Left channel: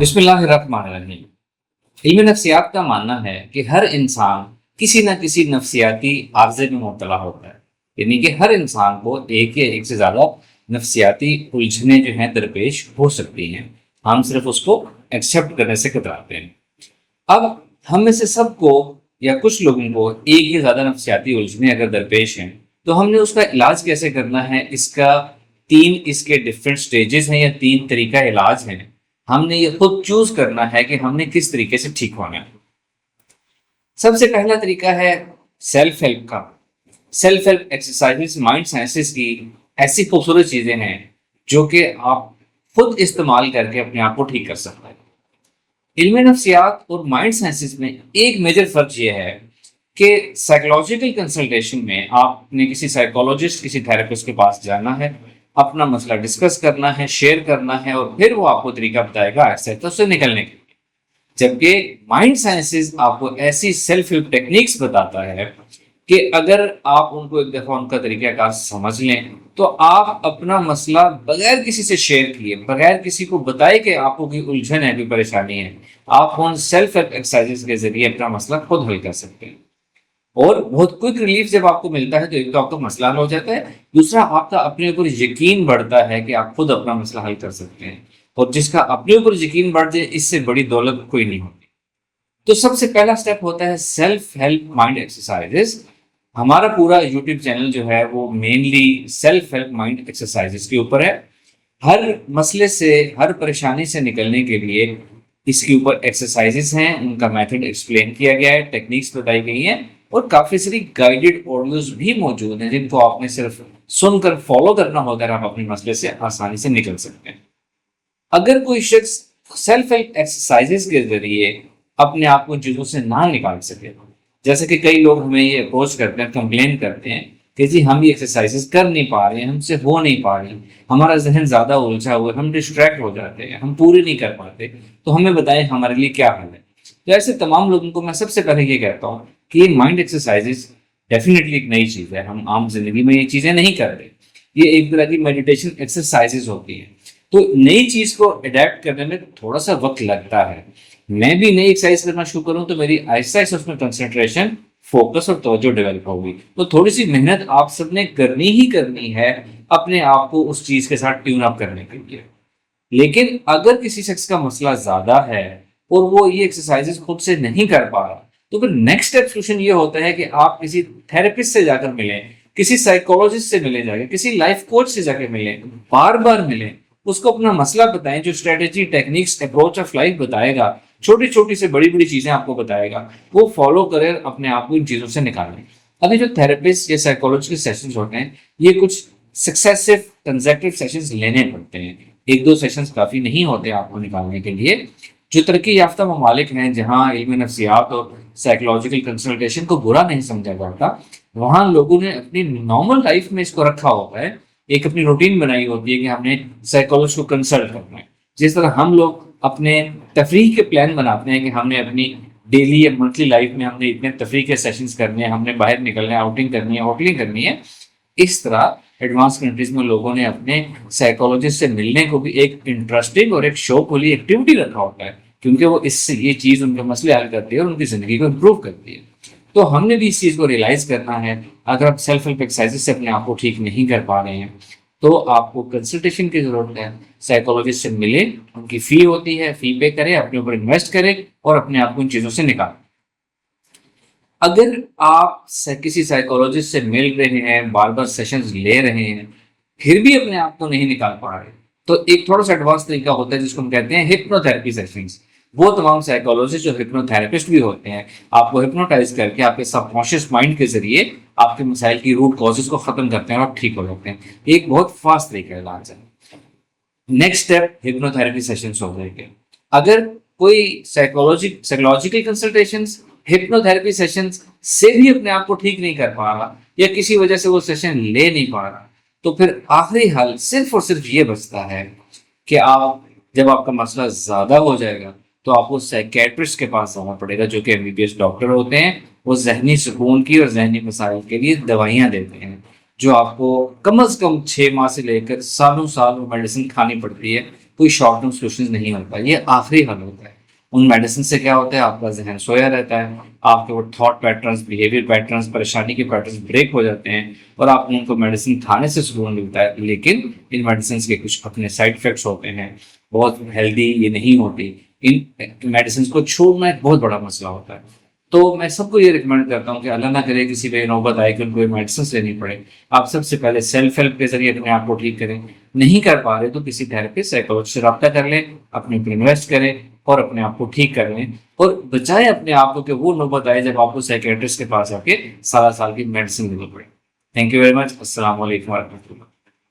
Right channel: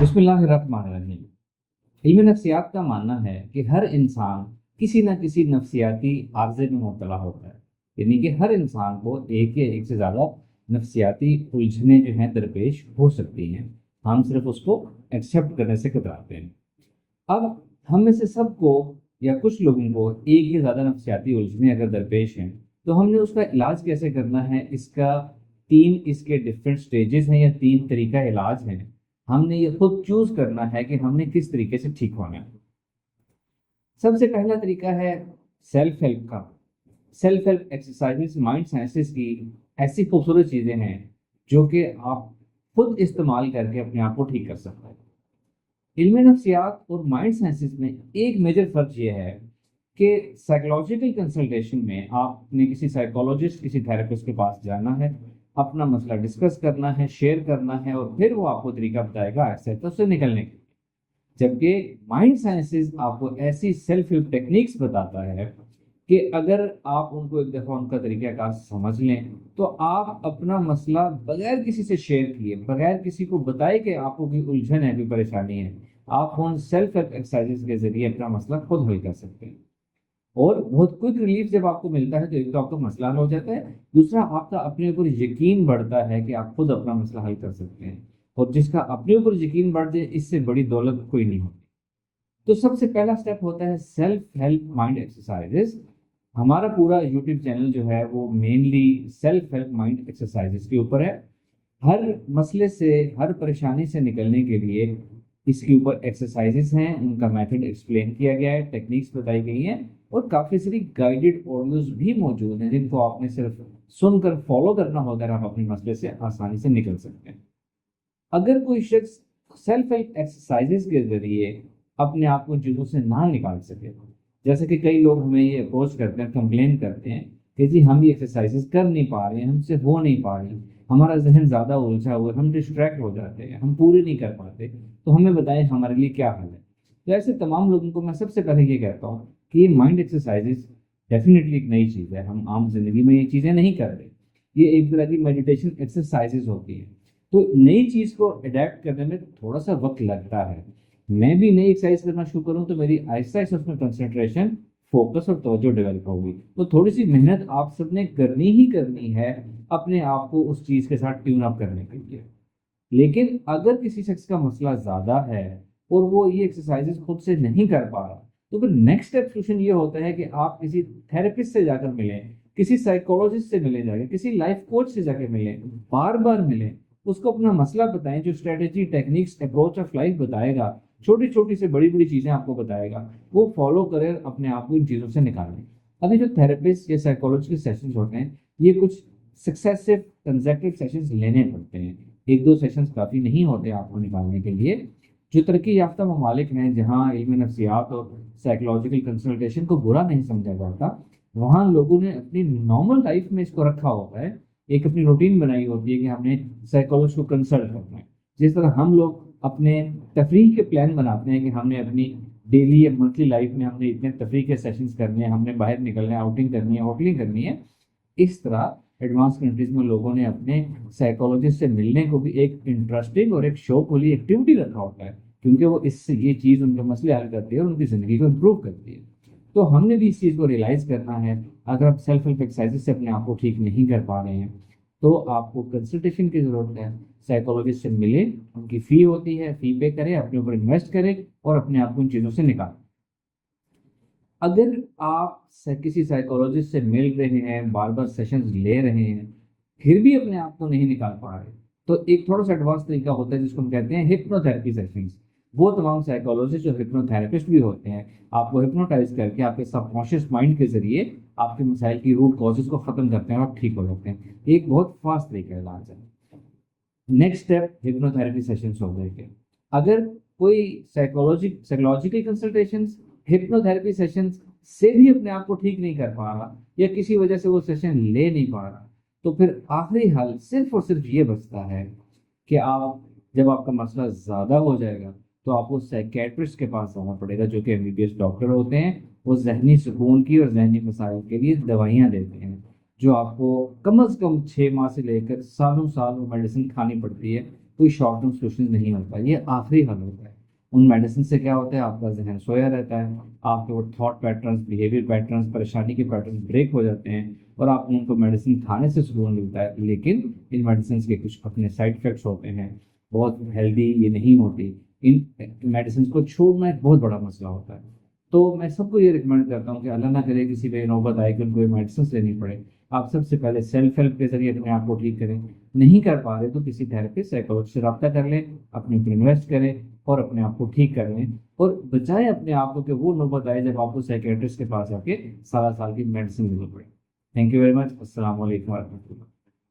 بسم اللہ الرحمن الرحیم۔ علم نفسیات کا ماننا ہے کہ ہر انسان کسی نہ کسی نفسیاتی عارضے میں مبتلا ہوتا ہے، یعنی کہ ہر انسان کو ایک یا ایک سے زیادہ نفسیاتی الجھنیں جو ہیں درپیش ہو سکتی ہیں۔ ہم صرف اس کو ایکسیپٹ کرنے سے کتراتے ہیں۔ اب ہم میں سے سب کو یا کچھ لوگوں کو ایک یا زیادہ نفسیاتی الجھنیں اگر درپیش ہیں تو ہم نے اس کا علاج کیسے کرنا ہے، اس کے ڈفرینٹ سٹیجز ہیں یا 3 طریقہ علاج ہیں۔ ہم نے یہ خود چوز کرنا ہے کہ ہم نے کس طریقے سے ٹھیک ہونا ہے۔ سب سے پہلا طریقہ ہے سیلف ہیلپ کا۔ Self help exercise mind sciences کی ایسی خوبصورت چیزیں ہیں جو کہ آپ خود استعمال کر کے اپنے آپ کو ٹھیک کر سکتے ہیں۔ علم نفسیات اور مائنڈ سائنسز میں ایک میجر فرق یہ ہے کہ سائیکولوجیکل کنسلٹیشن میں آپ نے کسی سائیکولوجسٹ، کسی تھراپسٹ کے پاس جانا ہے، اپنا مسئلہ ڈسکس کرنا ہے، شیئر کرنا ہے، اور پھر وہ آپ کو طریقہ بتائے گا ایسے سے نکلنے کے لیے۔ جبکہ مائنڈ سائنسز آپ کو ایسی سیلف ہیلپ ٹیکنیکس بتاتا ہے کہ اگر آپ ان کو ایک دفعہ ان کا طریقہ کار سمجھ لیں تو آپ اپنا مسئلہ بغیر کسی سے شیئر کیے، بغیر کسی کو بتائے کہ آپ کو کوئی الجھن ہے، کوئی پریشانی ہے، آپ ان سیلف ہیلپ ایکسرسائز کے ذریعے اپنا مسئلہ خود حل کر سکتے ہیں۔ اور بہت کوئک ریلیف جب آپ کو ملتا ہے تو ایک تو آپ کا مسئلہ حل ہو جاتا ہے، دوسرا آپ کا اپنے اوپر یقین بڑھتا ہے کہ آپ خود اپنا مسئلہ حل کر سکتے ہیں، اور جس کا اپنے اوپر یقین بڑھ جائے اس سے بڑی دولت کوئی نہیں ہوتی۔ تو سب سے پہلا سٹیپ ہوتا ہے سیلف ہیلپ مائنڈ ایکسرسائزز۔ ہمارا پورا یوٹیوب چینل جو ہے وہ mainly self help mind exercises کے اوپر ہے۔ ہر مسئلے سے، ہر پریشانی سے نکلنے کے لیے اس کے اوپر ایکسرسائزز ہیں، ان کا میتھڈ ایکسپلین کیا گیا ہے، ٹیکنیکس بتائی گئی ہیں، اور کافی ساری گائیڈڈ آڈیوز بھی موجود ہیں جن کو آپ نے صرف سن کر فالو کرنا ہوگا اور آپ اپنے مسئلے سے آسانی سے نکل سکتے ہیں۔ اگر کوئی شخص سیلف ہیلپ ایکسرسائزز کے ذریعے اپنے آپ کو ان چیزوں سے نہ نکال سکے، جیسے کہ کئی لوگ ہمیں یہ اپروچ کرتے ہیں، کمپلین کرتے ہیں کہ جی ہم یہ ایکسرسائزز کر نہیں پا رہے ہیں، ہم سے ہو نہیں پا رہی، ہمارا ذہن زیادہ الجھا ہوا ہے، ہم ڈسٹریکٹ ہو جاتے ہیں، ہم پوری نہیں کر پاتے، تو ہمیں بتائیں ہمارے لیے کیا حل ہے۔ تو ایسے تمام لوگوں کو میں سب سے پہلے یہ کہتا ہوں کہ یہ مائنڈ ایکسرسائزز ڈیفینیٹلی ایک نئی چیز ہے، ہم عام زندگی میں یہ چیزیں نہیں کر رہے، یہ ایک طرح کی میڈیٹیشن ایکسرسائزز ہوتی ہیں۔ تو نئی چیز کو اڈیپٹ کرنے میں تھوڑا سا وقت لگتا ہے۔ میں بھی نئی ایکسرسائز کرنا شروع کروں تو میری آہستہ آہستہ اس میں کنسنٹریشن، فوکس اور توجہ ڈیولپ ہوگی، تو تھوڑی سی محنت آپ سب نے کرنی ہی کرنی ہے اپنے آپ کو اس چیز کے ساتھ ٹیون اپ کرنے کے لیے۔ لیکن اگر کسی شخص کا مسئلہ زیادہ ہے اور وہ یہ ایکسرسائزز خود سے نہیں کر پا رہا، تو پھر نیکسٹ اسٹیپ سولوشن یہ ہوتا ہے کہ آپ کسی تھراپسٹ سے جا کر ملیں، کسی سائیکولوجسٹ سے ملیں، جا کے کسی لائف کوچ سے جا کے ملیں، بار بار ملیں، اس کو اپنا مسئلہ بتائیں، جو strategy, techniques, approach of life بتائے گا، چھوٹی چھوٹی سے بڑی بڑی چیزیں آپ کو بتائے گا، وہ فالو کریں، اپنے آپ کو ان چیزوں سے نکالیں۔ ابھی جو تھراپسٹ یا سائیکولوجسٹ کے سیشنز ہوتے ہیں، یہ کچھ سکسیسو کنزیکٹیو سیشنز لینے پڑتے ہیں، ایک دو سیشنز کافی نہیں ہوتے آپ کو نکالنے کے لیے۔ جو ترقی یافتہ ممالک ہیں جہاں علم نفسیات اور سائیکولوجیکل کنسلٹیشن کو برا نہیں سمجھا جاتا، وہاں لوگوں نے اپنی نارمل لائف میں اس کو رکھا ہوتا ہے، ایک اپنی روٹین بنائی ہوتی ہے کہ ہم نے سائیکولوجسٹ کو کنسلٹ کرنا ہے۔ جس طرح ہم لوگ اپنے تفریح کے پلان بناتے ہیں کہ ہم نے اپنی ڈیلی یا منتھلی لائف میں ہم نے اتنے تفریح کے سیشنز کرنے ہیں، ہم نے باہر نکلنا ہے، آؤٹنگ کرنی ہے، ہوٹلنگ کرنی ہے، اس طرح ایڈوانس کنٹریز میں لوگوں نے اپنے سائیکولوجسٹ سے ملنے کو بھی ایک انٹرسٹنگ اور ایک شوق والی ایکٹیویٹی رکھا ہوتا ہے، کیونکہ وہ اس سے یہ چیز ان کے مسئلے حل کرتی ہے اور ان کی زندگی کو امپروو کرتی ہے۔ تو ہم نے بھی اس چیز کو ریئلائز کرنا ہے۔ اگر آپ سیلف ہیلپ ایکسرسائزز سے اپنے آپ کو ٹھیک نہیں کر پا رہے ہیں تو آپ کو کنسلٹیشن کی ضرورت ہے، سائیکولوجسٹ سے ملیں، ان کی فی ہوتی ہے، فی پے کریں، اپنے اوپر انویسٹ کریں اور اپنے آپ کو ان چیزوں سے نکالیں۔ اگر آپ کسی سائیکولوجسٹ سے مل رہے ہیں، بار بار سیشنز لے رہے ہیں، پھر بھی اپنے آپ کو نہیں نکال پا رہے، تو ایک تھوڑا سا ایڈوانس طریقہ ہوتا ہے جس کو ہم کہتے ہیں ہپنو تھراپی سیشنز۔ وہ تمام سائیکولوجسٹ جو ہپنو تھراپسٹ بھی ہوتے ہیں، آپ کو ہپنوٹائز کر کے آپ کے سب کانشیس مائنڈ کے ذریعے آپ کے مسائل کی روٹ کازز کو ختم کرتے ہیں اور ٹھیک ہو جاتے ہیں۔ ایک بہت فاسٹ طریقہ علاج ہے۔ Next step hypno therapy sessions ہو گئے۔ اگر کوئی psychological consultations, hypno therapy sessions سے بھی اپنے آپ کو ٹھیک نہیں کر پا رہا یا کسی وجہ سے وہ سیشن لے نہیں پا رہا، تو پھر آخری حل صرف اور صرف یہ بچتا ہے کہ جب آپ کا مسئلہ زیادہ ہو جائے گا تو آپ کو سائیکیٹرسٹ کے پاس جانا پڑے گا، جو کہ MBBS ڈاکٹر ہوتے ہیں۔ وہ ذہنی سکون کی اور ذہنی مسائل کے لیے دوائیاں دیتے ہیں، جو آپ کو کم از کم 6 ماہ سے لے کر سالوں سال وہ میڈیسن کھانی پڑتی ہے، کوئی شارٹ ٹرم سولوشن نہیں ہوتا، یہ آخری حل ہوتا ہے۔ ان میڈیسن سے کیا ہوتا ہے، آپ کا ذہن سویا رہتا ہے، آپ کے وہ تھاٹ پیٹرنس، بیہیویئر پیٹرنس، پریشانی کے پیٹرنس بریک ہو جاتے ہیں، اور آپ ان کو میڈیسن کھانے سے سکون ملتا ہے۔ لیکن ان میڈیسنس کے کچھ اپنے سائڈ افیکٹس ہوتے ہیں، بہت ہیلدی یہ نہیں ہوتی، ان میڈیسنس کو چھوڑنا ایک بہت بڑا مسئلہ ہوتا ہے۔ تو میں سب کو یہ ریکمینڈ کرتا ہوں کہ اللہ نہ کرے کسی پہ نوبت آئے کہ ان کو میڈیسنس لینی پڑے، آپ سب سے پہلے سیلف ہیلپ کے ذریعے اپنے آپ کو ٹھیک کریں، نہیں کر پا رہے تو کسی تھراپسٹ سائیکالوجسٹ سے رابطہ کر لیں، اپنے اوپر انویسٹ کریں اور اپنے آپ کو ٹھیک کر لیں، اور بچائیں اپنے آپ کو کہ وہ نوبت آئے جب آپ کو سائیکیٹرسٹ کے پاس آ کے سارا سال کی میڈیسن لینی پڑے۔ تھینک یو ویری مچ، السلام علیکم ورحمۃ اللہ۔